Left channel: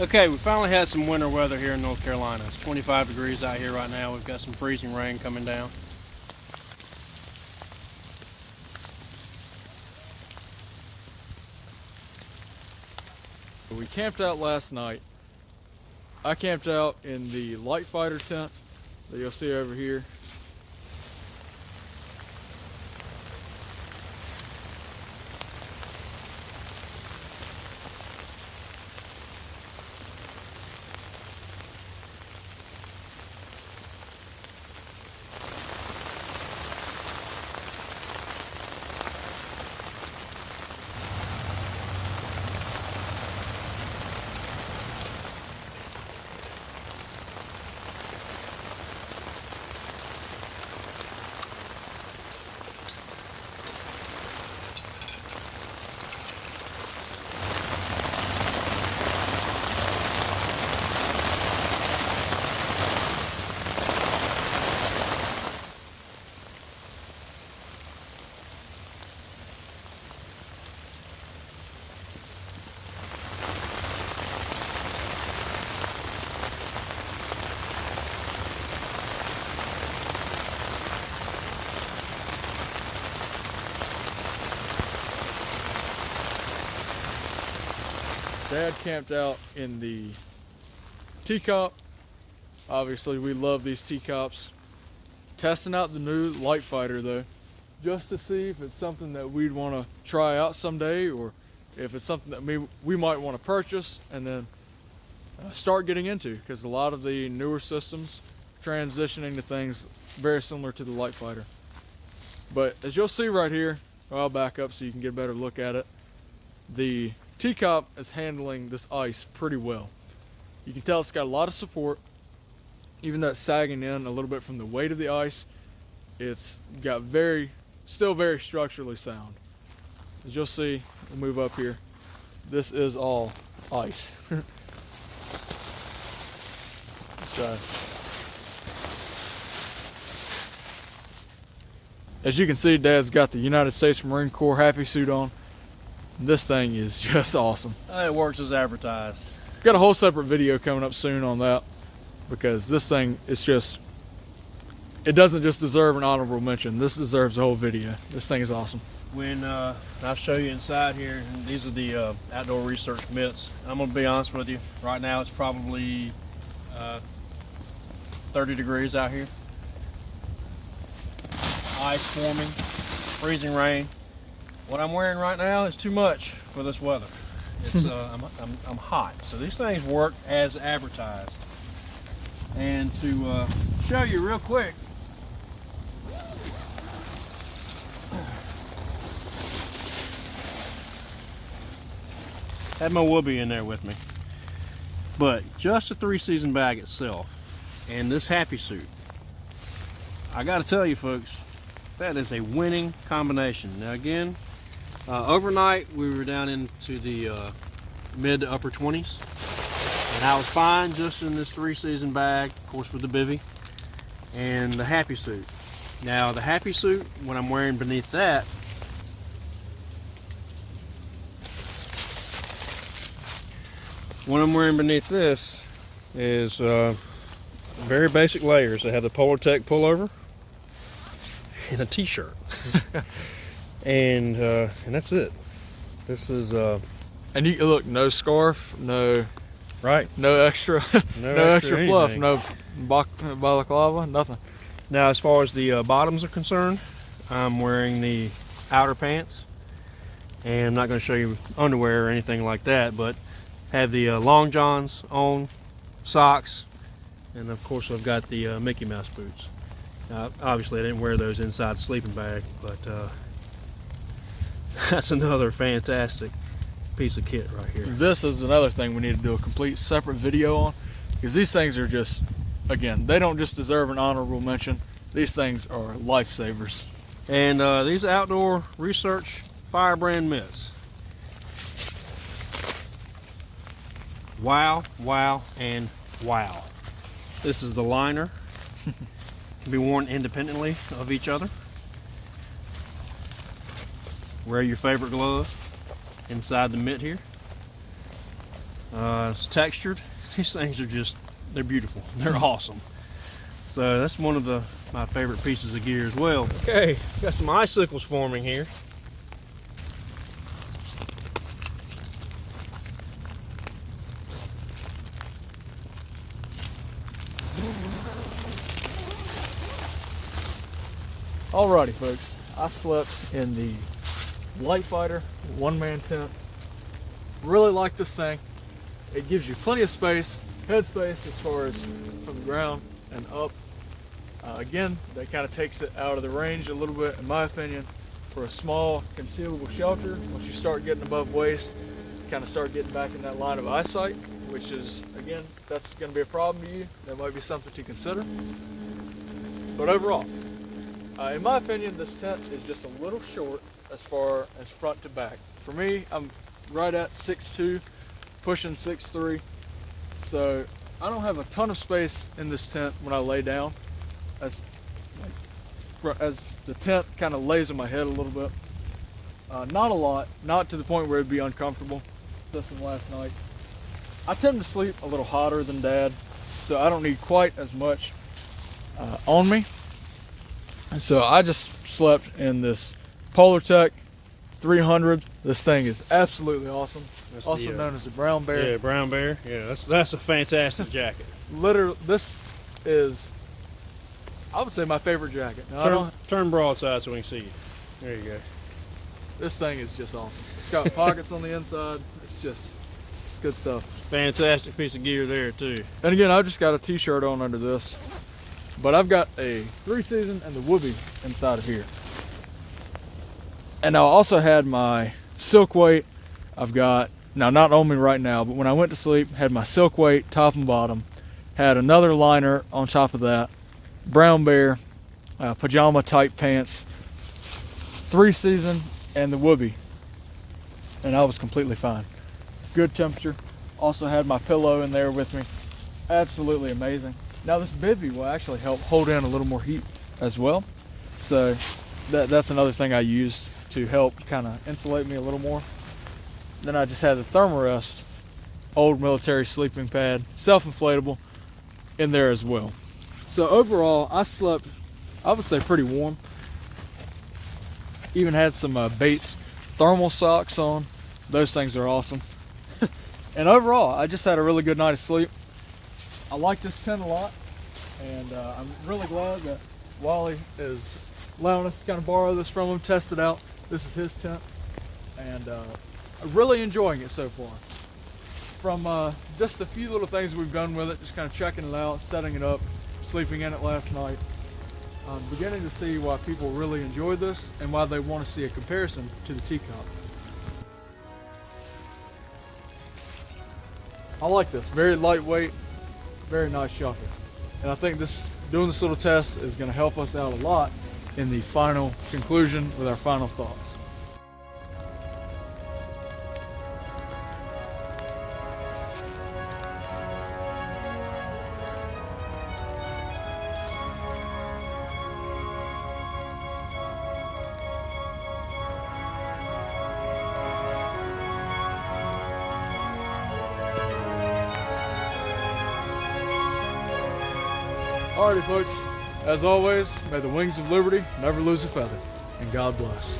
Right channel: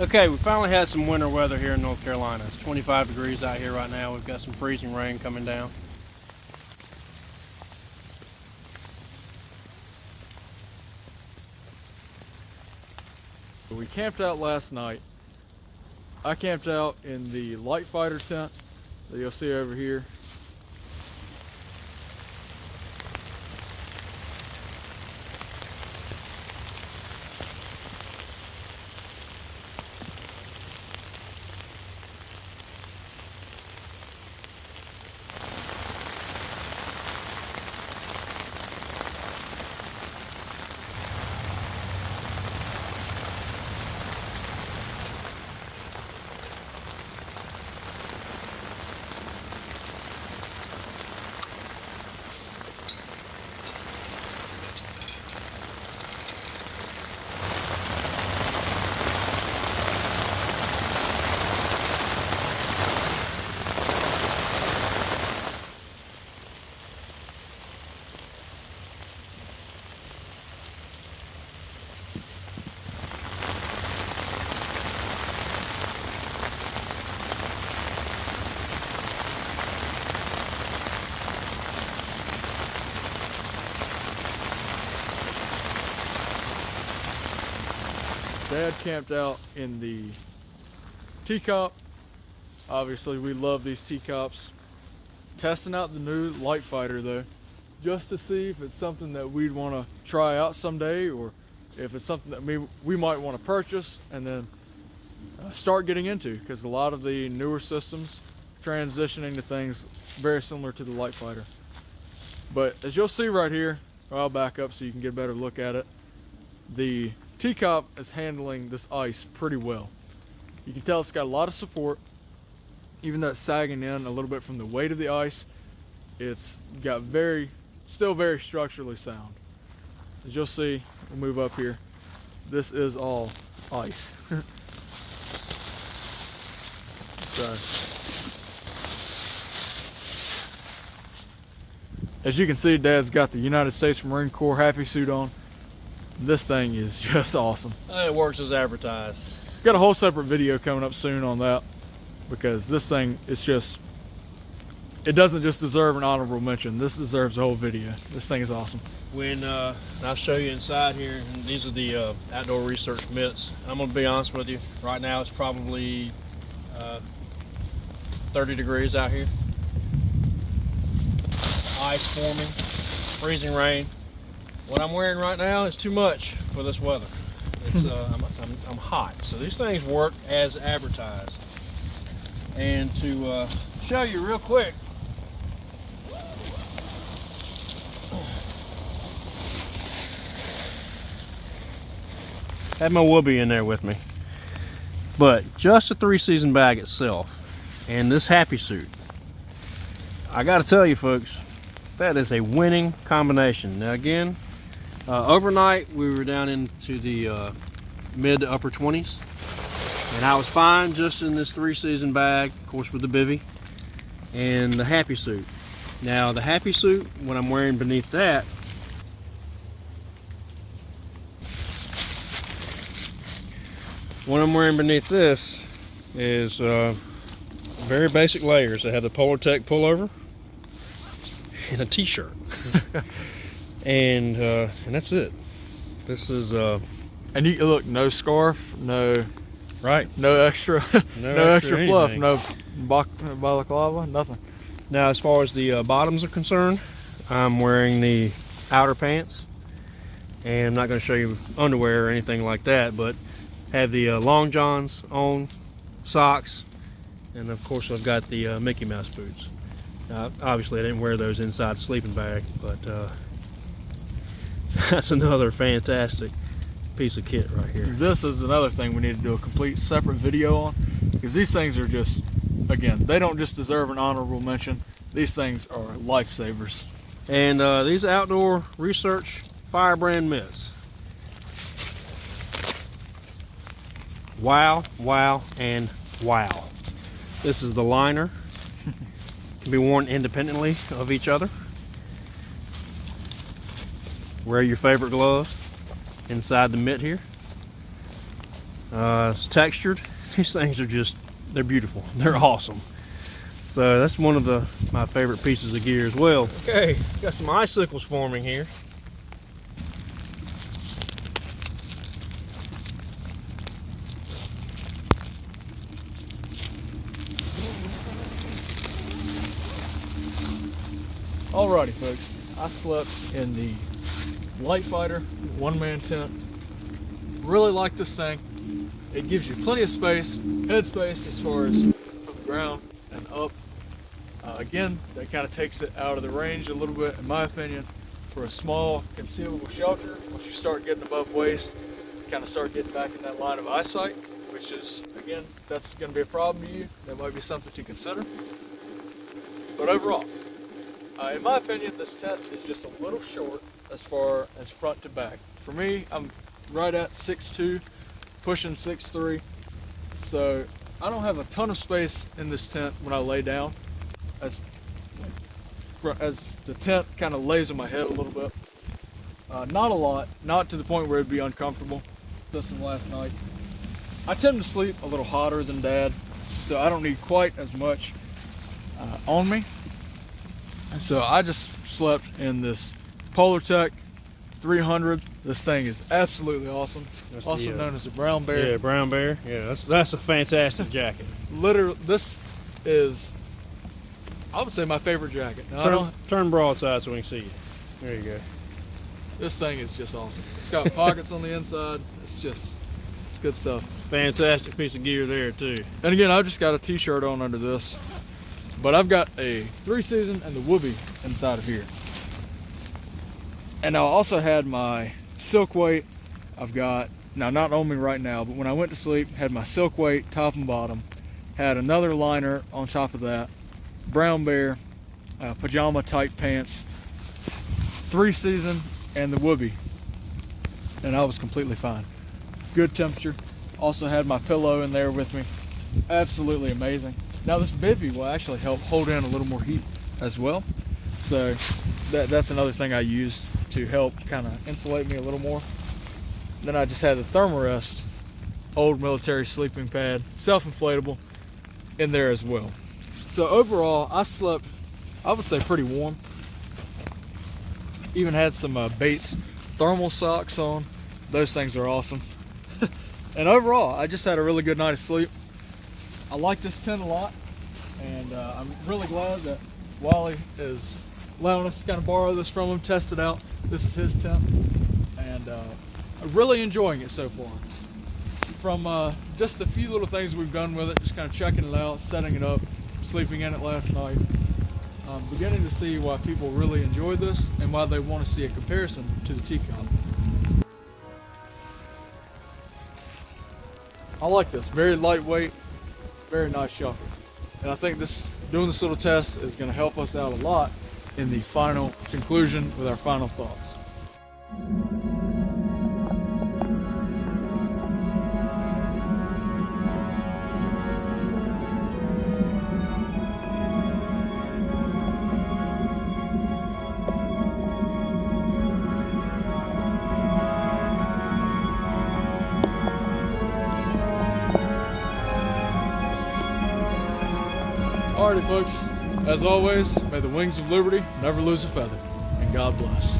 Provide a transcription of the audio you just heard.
Okay, we finally had some winter weather here in North Carolina. It's 25 degrees out here right now. We've got some freezing rain coming down. We camped out last night. I camped out in the LiteFighter tent that you'll see over here. Dad camped out in the TCOP. Obviously, we love these TCOPs. Testing out the new LiteFighter though, just to see if it's something that we'd want to try out someday, or if it's something that we might want to purchase and then start getting into, because a lot of the newer systems transitioning to things very similar to the LiteFighter. But as you'll see right here, I'll back up so you can get a better look at it. The TCOP is handling this ice pretty well. You can tell it's got a lot of support, even though it's sagging in a little bit from the weight of the ice. It's got still very structurally sound. As you'll see, we'll move up here. This is all ice. So, as you can see, Dad's got the United States Marine Corps happy suit on. This thing is just awesome. It works as advertised. Got a whole separate video coming up soon on that, because this thing is just, it doesn't just deserve an honorable mention. This deserves a whole video. This thing is awesome. When I'll show you inside here, and these are the outdoor research mitts. I'm gonna be honest with you, right now it's probably 30 degrees out here. Ice forming, freezing rain. What I'm wearing right now is too much for this weather. It's I'm hot, so these things work as advertised. And to show you real quick, had my whoopee in there with me, but just the 3-season bag itself and this happy suit, I got to tell you folks, that is a winning combination. Now again, overnight we were down into the mid to upper 20s, and I was fine just in this 3-season bag, of course with the bivy and the happy suit. Now the happy suit, what I'm wearing beneath that, what I'm wearing beneath this is very basic layers. I have the Polar Tech pullover and a t-shirt. and that's it. This is and you look, no scarf, no extra no extra fluff, no balaclava, nothing. Now as far as the bottoms are concerned, I'm wearing the outer pants, and I'm not going to show you underwear or anything like that, but have the long johns on, socks, and of course I've got the Mickey Mouse boots. Obviously I didn't wear those inside the sleeping bag, but that's another fantastic piece of kit right here. This is another thing we need to do a complete separate video on, because these things are just, again, they don't just deserve an honorable mention. These things are lifesavers. And these outdoor research Firebrand mitts. Wow, wow, and wow. This is the liner. Can be worn independently of each other. Wear your favorite glove inside the mitt here. It's textured. These things are just, they're beautiful. They're awesome. So that's one of my favorite pieces of gear as well. Okay, got some icicles forming here. Alrighty, folks. I slept in the LiteFighter one-man tent. Really like this thing. It gives you plenty of space, head space as far as from the ground and up. Again, that kind of takes it out of the range a little bit, in my opinion, for a small concealable shelter. Once you start getting above waist, you kind of start getting back in that line of eyesight, which is, again, if that's going to be a problem to you, that might be something to consider. But overall, in my opinion, this tent is just a little short as far as front to back. For me, I'm right at 6'2", pushing 6'3", so I don't have a ton of space in this tent when I lay down, as the tent kind of lays on my head a little bit. Not a lot, not to the point where it'd be uncomfortable. This one last night. I tend to sleep a little hotter than Dad, so I don't need quite as much on me. So I just slept in this Polartec 300. This thing is absolutely awesome. That's also known as the brown bear. Yeah, brown bear. Yeah, that's a fantastic jacket. Literally, this is, I would say, my favorite jacket. Now, Turn broadside so we can see you. There you go. This thing is just awesome. It's got pockets on the inside. It's good stuff. Fantastic piece of gear there too. And again, I've just got a t-shirt on under this. But I've got a 3-season and the whoopee inside of here. And I also had my silk weight. I've got, now not on me right now, but when I went to sleep, had my silk weight top and bottom. Had another liner on top of that. Brown bear, pajama type pants. 3-season and the whoopee. And I was completely fine. Good temperature. Also had my pillow in there with me. Absolutely amazing. Now this bivvy will actually help hold in a little more heat as well. So that's another thing I used to help kind of insulate me a little more. Then I just had the Thermarest old military sleeping pad, self-inflatable, in there as well. So overall, I slept, I would say, pretty warm. Even had some Bates thermal socks on. Those things are awesome. And overall, I just had a really good night of sleep. I like this tent a lot, and I'm really glad that Wally is allowing us to kind of borrow this from him, test it out. This is his tent, and I'm really enjoying it so far. From just a few little things we've done with it, just kind of checking it out, setting it up, sleeping in it last night, I'm beginning to see why people really enjoy this and why they want to see a comparison to the TCOP. I like this, very lightweight, very nice shelter. And I think doing this little test is going to help us out a lot in the final conclusion with our final thoughts. Alrighty folks, as always, may the wings of liberty never lose a feather, and God bless.